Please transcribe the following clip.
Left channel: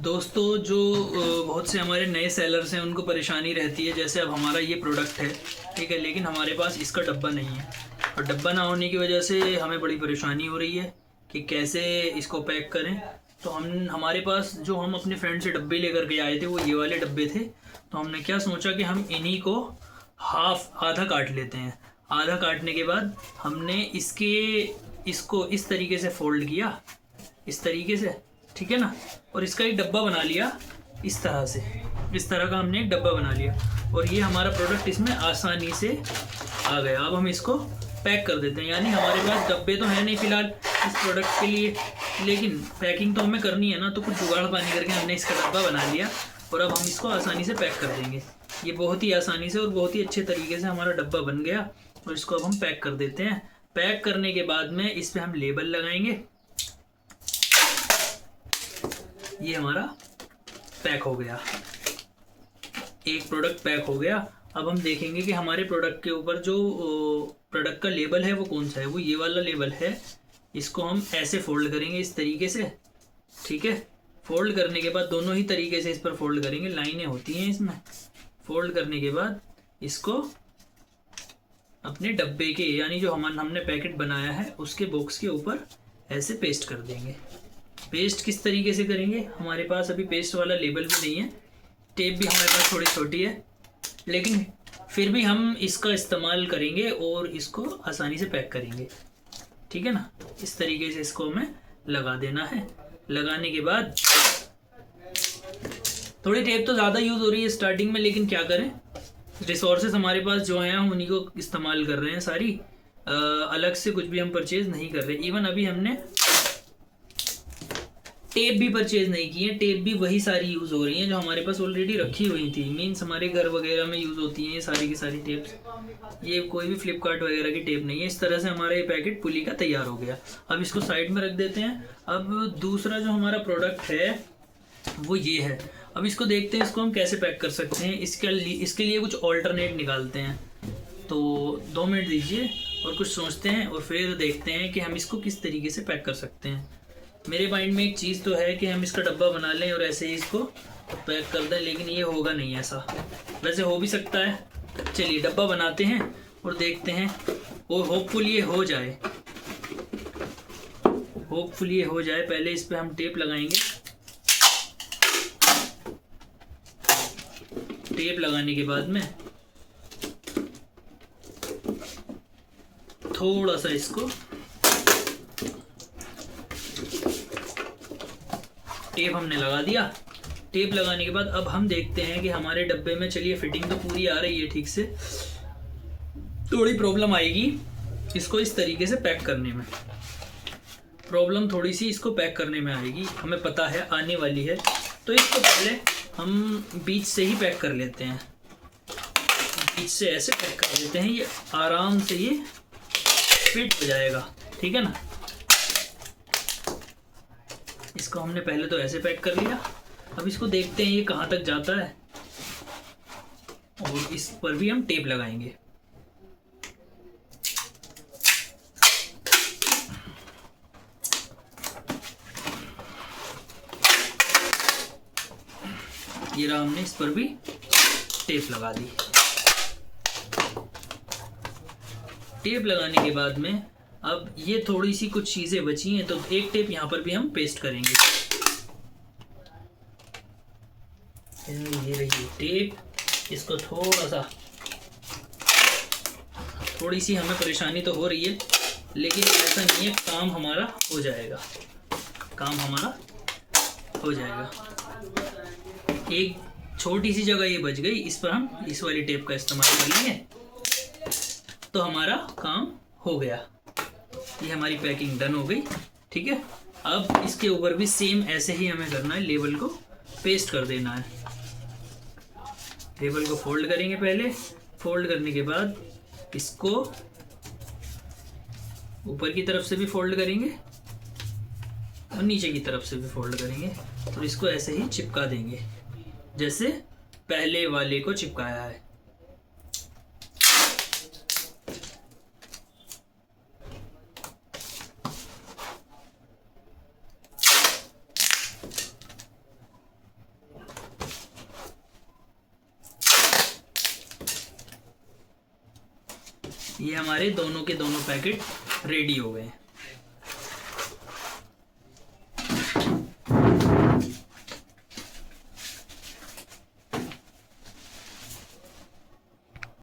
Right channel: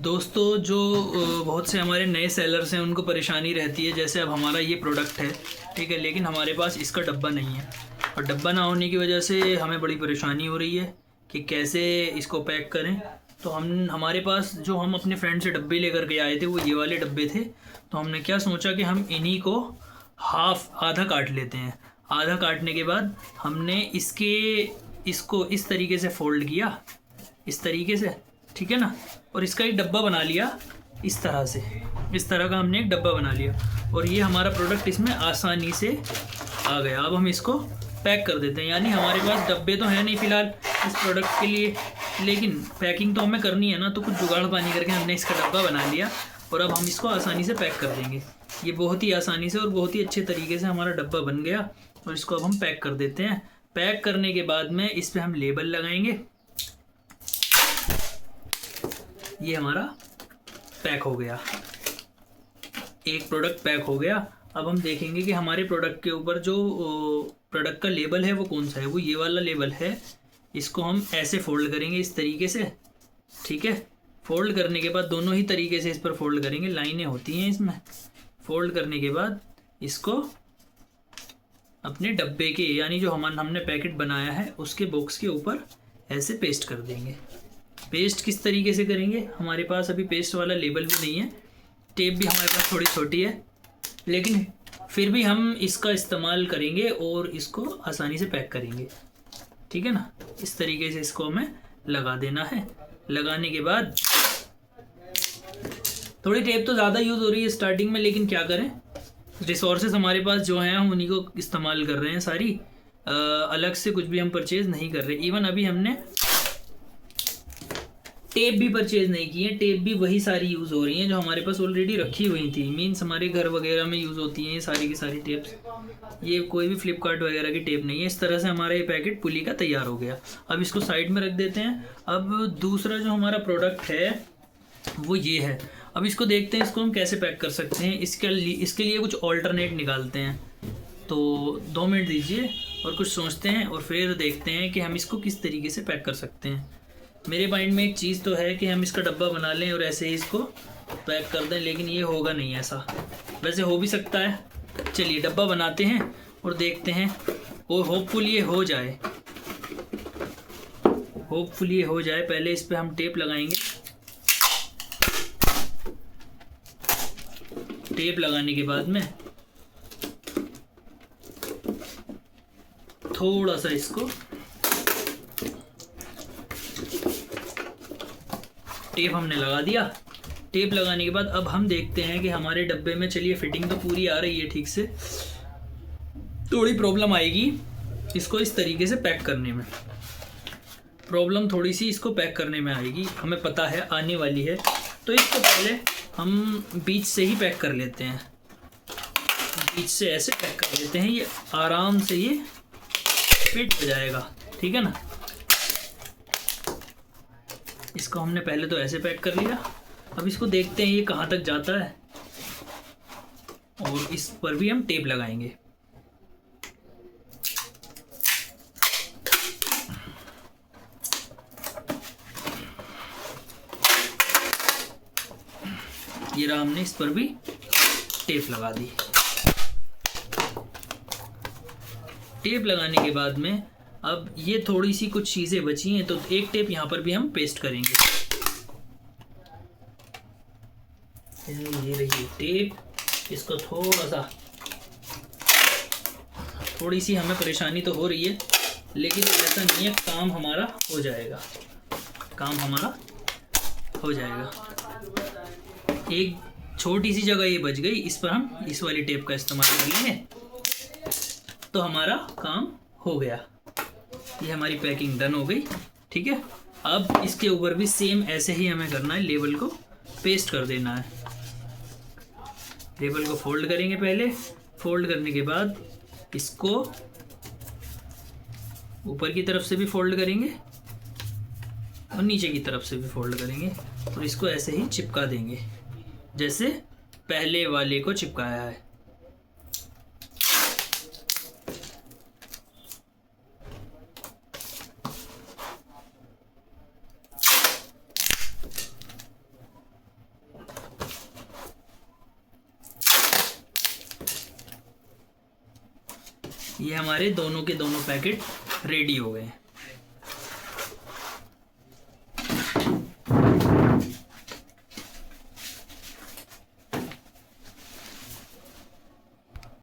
दोस्तों जो बहुत से हमारे नए सेलर्स हैं उनको परेशानी रहती है। जैसे अब हमारा ये प्रोडक्ट है, ठीक है, लेकिन हमारे पास इसका डब्बा नहीं है और डब्बा ना होने की वजह से हमें बड़ी परेशानी हो रही है कि कैसे इसको पैक करें। तो हमारे पास जो हम अपने फ्रेंड से डब्बे लेकर के आए थे वो ये वाले डब्बे थे। तो हमने क्या सोचा कि हम इन्हीं को आधा काट लेते हैं। आधा काटने के बाद हमने इसको इस तरीके से फोल्ड किया, इस तरीके से, ठीक है ना, और इसका एक डब्बा बना लिया। इस तरह से, इस तरह का हमने एक डब्बा बना लिया और ये हमारा प्रोडक्ट इसमें आसानी से आ गया। अब हम इसको पैक कर देते हैं। यानी हमारे पास डब्बे तो हैं नहीं फ़िलहाल इस प्रोडक्ट के लिए, लेकिन पैकिंग तो हमें करनी है ना, तो कुछ जुगाड़ पानी करके हमने इसका डब्बा बना लिया और अब हम इसको आसानी से पैक कर देंगे। ये बहुत ही आसानी से और बहुत ही अच्छे तरीके से हमारा डब्बा बन गया और इसको अब हम पैक कर देते हैं। पैक करने के बाद में इस पर हम लेबल लगाएंगे। ये हमारा पैक हो गया, एक प्रोडक्ट पैक हो गया। अब हम देखेंगे कि हमारे प्रोडक्ट के ऊपर जो प्रोडक्ट का लेबल है वो कौन सा है। वो ये वाला लेबल है। इसको हम ऐसे फोल्ड करेंगे इस तरीके से, ठीक है। फोल्ड करने के बाद दोनों ही तरीके से इस पर फोल्ड करेंगे, लाइनें होती हैं इसमें। फोल्ड करने के बाद इसको अपने डब्बे के, यानी जो हमने पैकेट बनाया है उसके बॉक्स के ऊपर ऐसे पेस्ट कर देंगे। पेस्ट किस तरीके से करेंगे, हमारे पास अभी पेस्ट वाला लेबल भी नहीं है, टेप भी हमारे पास थोड़ी छोटी है, लेकिन फिर भी हम इसका इस्तेमाल करेंगे और इसको आसानी से पैक करेंगे, ठीक है ना। इस तरीके से इसको हमें लगा देना है। लगाने के बाद थोड़ी टेप तो ज़्यादा यूज़ हो रही है स्टार्टिंग में, लेकिन क्या करें, रिसोर्सेज हमारे पास जो हैं हम उन्हीं को इस्तेमाल कर रहे हैं सारी। अलग से कुछ भी हम परचेज़ नहीं कर रहे। इवन अभी हमने टेप भी परचेज नहीं की है। टेप भी वही सारी यूज़ हो रही हैं जो हमारे पास ऑलरेडी रखी हुई थी। मीन्स हमारे घर वगैरह में यूज़ होती हैं ये सारी की सारी टेप्स। ये कोई भी फ्लिपकार्ट वगैरह की टेप नहीं है। इस तरह से हमारा ये पैकेट पुली का तैयार हो गया। अब इसको साइड में रख देते हैं। अब दूसरा जो हमारा प्रोडक्ट है वो ये है। अब इसको देखते हैं इसको हम कैसे पैक कर सकते हैं। इसके लिए कुछ ऑल्टरनेट निकालते हैं। तो 2 मिनट दीजिए और कुछ सोचते हैं और फिर देखते हैं कि हम इसको किस तरीके से पैक कर सकते हैं। मेरे माइंड में एक चीज़ तो है कि हम इसका डब्बा बना लें और ऐसे ही इसको पैक कर दें, लेकिन ये होगा नहीं ऐसा। वैसे हो भी सकता है। चलिए डब्बा बनाते हैं और देखते हैं। और होपफुली ये हो जाए, होपफुली ये हो जाए। पहले इस पर हम टेप लगाएंगे। टेप लगाने के बाद में थोड़ा सा इसको टेप हमने लगा दिया। टेप लगाने के बाद अब हम देखते हैं कि हमारे डब्बे में, चलिए फिटिंग तो पूरी आ रही है ठीक से, थोड़ी प्रॉब्लम आएगी इसको इस तरीके से पैक करने में। प्रॉब्लम थोड़ी सी इसको पैक करने में आएगी, हमें पता है आने वाली है। तो इसको पहले हम बीच से ही पैक कर लेते हैं। बीच से ऐसे पैक कर लेते हैं, ये आराम से ये फिट हो जाएगा, ठीक है ना। इसको हमने पहले तो ऐसे पैक कर लिया। अब इसको देखते हैं ये कहाँ तक जाता है और इस पर भी हम टेप लगाएंगे। ये रहा, हमने इस पर भी टेप लगा दी। टेप लगाने के बाद में अब ये थोड़ी सी कुछ चीज़ें बची हैं, तो एक टेप यहाँ पर भी हम पेस्ट करेंगे। ये रही टेप। इसको थोड़ी सी हमें परेशानी तो हो रही है, लेकिन ऐसा नहीं है, काम हमारा हो जाएगा। काम हमारा हो जाएगा। एक छोटी सी जगह ये बच गई, इस पर हम इस वाली टेप का इस्तेमाल कर लेंगे तो हमारा काम हो गया। ये हमारी पैकिंग डन हो गई, ठीक है। अब इसके ऊपर भी सेम ऐसे ही हमें करना है, लेबल को पेस्ट कर देना है। लेबल को फोल्ड करेंगे पहले। फोल्ड करने के बाद इसको ऊपर की तरफ से भी फोल्ड करेंगे और नीचे की तरफ से भी फोल्ड करेंगे और इसको ऐसे ही चिपका देंगे जैसे पहले वाले को चिपकाया है। ये हमारे दोनों के दोनों पैकेट रेडी हो गए।